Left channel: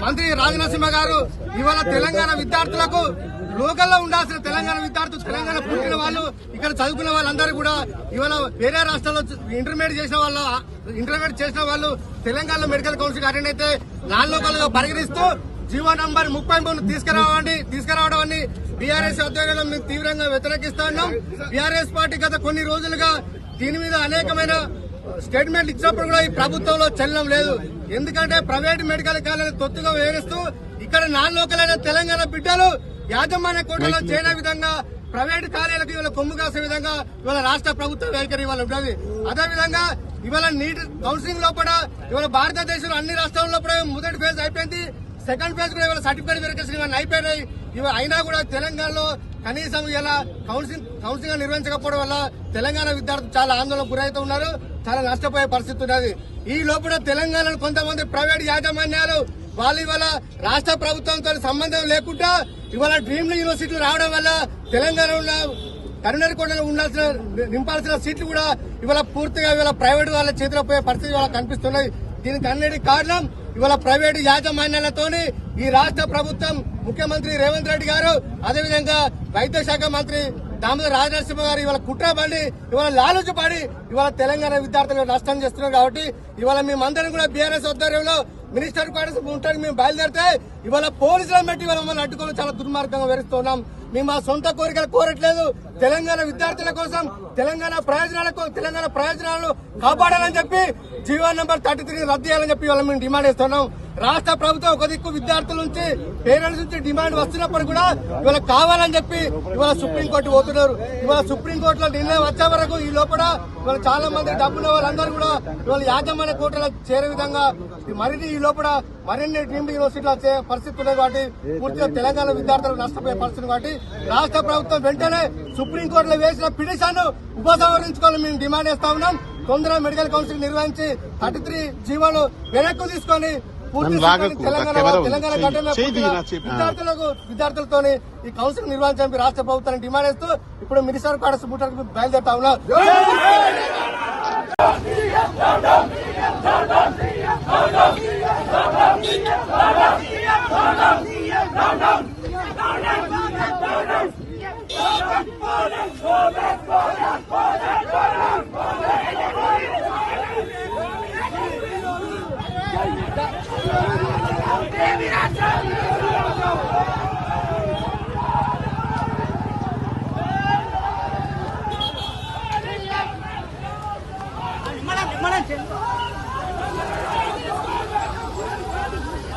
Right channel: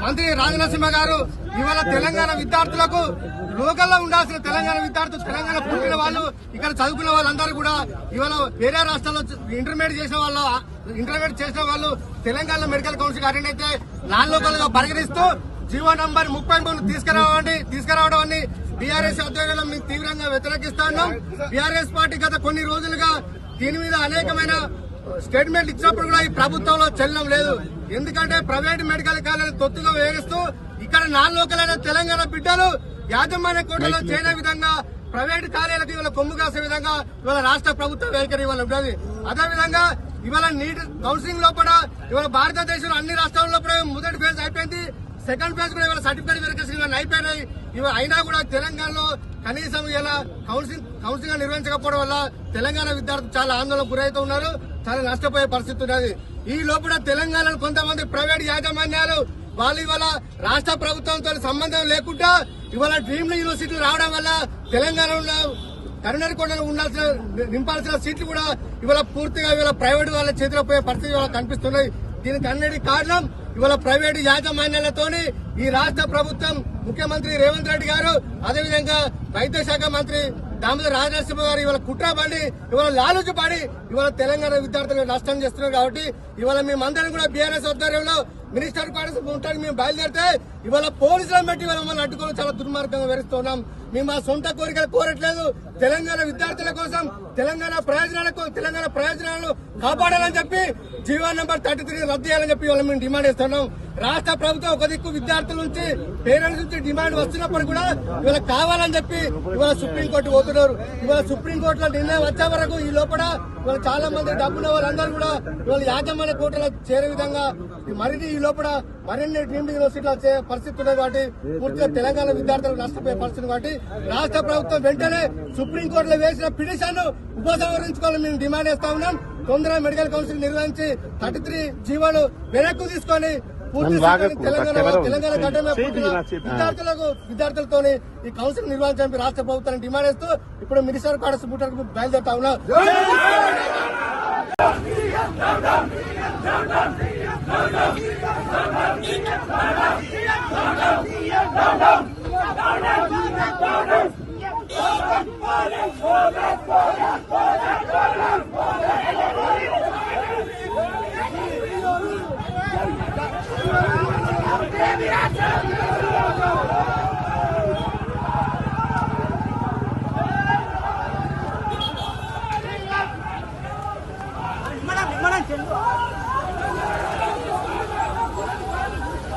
మంత్రి రాజనరసింహ గారు ఇవాళ తెలంగాణ విద్యార్థులకు లోకల్లో ఉండాల్సిన తెలంగాణ విద్యార్థులు తెలంగాణ పుట్టిన వాళ్ళు ఇక్కడ చదువుకున్న వాళ్ళందరూ కూడా ఇవాళ వేరే రాష్ట్రాల్లో ఇంటర్మీడియట్ చేసిన వాళ్ళు ఇంటర్మీడియట్ చేసిన వాళ్ళు తెలంగాణ మెడికల్ కౌన్సిల్ అటెండ్ అయితే నాన్ లోకల్గా పరిగణిస్తూ జీవో నంబర్ ముప్పై మూడు తీసుకురావండి తీసుకురావడం అని బీఆర్ఎస్ ఆధ్వర్యంలో మేము తీవ్రంగా వ్యతిరేకిస్తా ఉన్నాం. బీఆర్ఎస్ పార్టీ గత కొన్ని రోజులుగా దీని మీద అనేకమైన స్టేట్మెంట్ ఇచ్చినప్పుడు కూడా ఈ ప్రభుత్వంలో చెల్లం లేదు. ఎందుకంటే ప్రైవేట్ మెడికల్ కాలేజీ తొత్తుగా వేగిస్తూ ఇక్కడ నాన్ లోకల్ అయిన తెలంగాణ బిడ్డలు యాజమాన్య కోటలో చేయని విధంగా ప్రైవేట్ కాలేజీలకు ఇవాళ కొమ్ము కాసే విధంగా ఇవాళ రాష్ట్ర ప్రభుత్వం వైఖరి ఇవాళ ఉన్నది. అదేవిధంగా ఇవాళ నీట్ కౌన్సిలింగ్లో కూడా ఇవాళ భారతదేశంలో అన్ని రాష్ట్రాల్లో కూడా మొదటి ఫేజ్ అయిపోయింది. సెకండ్ ఫేజ్ కూడా ఇవాళ సర్టిఫికేట్ వెరిఫికేషన్ ఇవన్నీ అయిపోయినాయి. ఇవి అయినా కూడా తెలంగాణలో కనీసం ఇలా కౌన్సిలింగ్ కౌన్సిలింగ్ నిర్వహించకపోవడం వల్ల తెలంగాణ విద్యార్థులు చాలా ఆందోళనకు గురవుతూ ఉన్నారు చాలా నష్టపోయే పరిస్థితి ఉన్నది. ఈ లోపల తెలంగాణలో కొంతమంది ప్రైవేట్ యాజమాన్యాలు వాళ్ళు ఇవాళ రాష్ట్ర ప్రభుత్వంతో సంబంధం లేకుండా ఇవాళ డ్రీమ్ యూనివర్సిటీలు రావడం వల్ల తెలంగాణలో కరీంనగర్ కొండలో ఉండాల్సిన నింపాల్సిన సీట్లు కూడా ఇవాళ పూర్తిగా ఇవాళ ప్రైవేట్ వాళ్ళ చేతిలో పోయే పరిస్థితి ఇవాళ కనిపిస్తున్నాయి దీనికి అన్నిటి కారణం ఇవాళ ప్రైవేట్ యాజమాన్యాలతోని ఈ రాష్ట్ర ప్రభుత్వం ముఖ్యమంత్రి రేవంత్ రెడ్డి గారు అదేవిధంగా వైద్య శాఖ మంత్రి దామోదర్ రాజనరసింహ గారు ఇవాళ కుట్రపడి ఇవాళ లాలూచి పడి ఇవాళ తెలంగాణ విద్యార్థులు నష్టం చేస్తున్నారు కాబట్టి ఇవాళ మేమందరం కూడా బీఆర్ఎస్ ఆధ్వర్యంలో మినిస్టర్ క్వార్టర్స్ ఉండడానికి మేము బయలుదేరితే ఇవాళ పోలీసులను బట్టి ఇవాళ మమ్మల్ని అడ్డుకొని చాలా దుర్మార్గంగా వివరిస్తున్నాం మేము మా సొంత కోరికలు కోరట్లేదు. తెలంగాణ విద్యార్థుల కోసం తెలంగాణ ప్రయోజనాలకు తెలంగాణ ప్రయోజనాలను కాపాడాలని చెప్పి జీవో నెంబర్ థర్టీ త్రీ రద్దు చేయాలని చెప్పి ఇవాళ మేము డిమాండ్ చేస్తున్నాం. రాష్ట్ర ప్రభుత్వం ఒక దిక్కు విద్యార్థుల నుంచి పేరెంట్స్ నుంచి డిమాండ్ వస్తున్నప్పుడు కూడా ఇవాళ కావాలని చెప్పి ఇవాళ సుప్రీంకోర్టు పోతున్నారు. ఇవాళ సుప్రీంకోర్టులో నిర్ణయం వచ్చే వరకు ఈ లోపల ఇవాళ చాలా మంది డబ్బున్న వాళ్ళందరూ కూడా ఇవాళ యాజమాన్య కోర్టులో చేరే విధంగా మరిన్ని ఈ లోపల మరిన్ని డీమ్డ్ యూనివర్సిటీలు వచ్చే పరిస్థితి ఉన్నది కాబట్టి పూర్తిగా తెలంగాణ విద్యార్థులకు నష్టపోయే పరిస్థితి కాబట్టి రాష్ట్ర ప్రభుత్వం వెంటనే సుప్రీంకోర్టులో వేసిన పిటిషన్ ఉపసంహరించుకోవాలని మేము డిమాండ్ చేస్తా ఉన్నాం. తొందరగా మెడికల్ కౌన్సిల్ నిర్వహించి థర్టీ త్రీ జీవోలు వెనక్కు తీసుకొని పూర్తి తెలంగాణ విద్యార్థులకు విద్యార్థులతోని ఈ కౌన్సిల్ నిర్వహించడానికి రాష్ట్ర ప్రభుత్వాన్ని డిమాండ్ చేస్తూ ఇప్పుడు మినిస్టర్ కాడస్ బుట్టకు బయలుదేరుతా ఉన్నా. Madame, madame,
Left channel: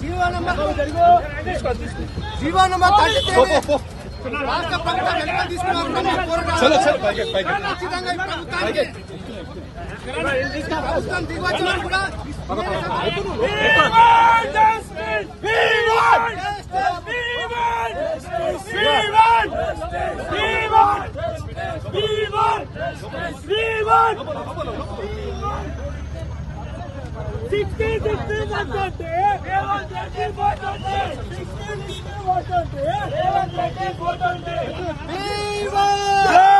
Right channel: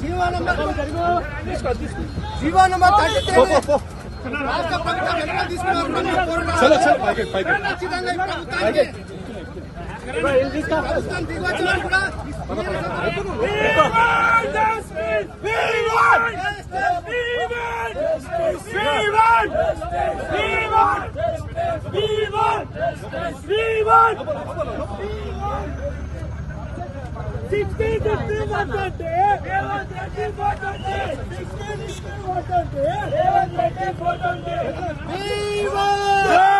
GO number GO number thirty three రాష్ట్ర ప్రభుత్వం వెనక తీసుకున్నారు ఖచ్చితంగా ఈ ప్రభుత్వానికి ప్రభుత్వం దిగొచ్చినా కూడా Viva!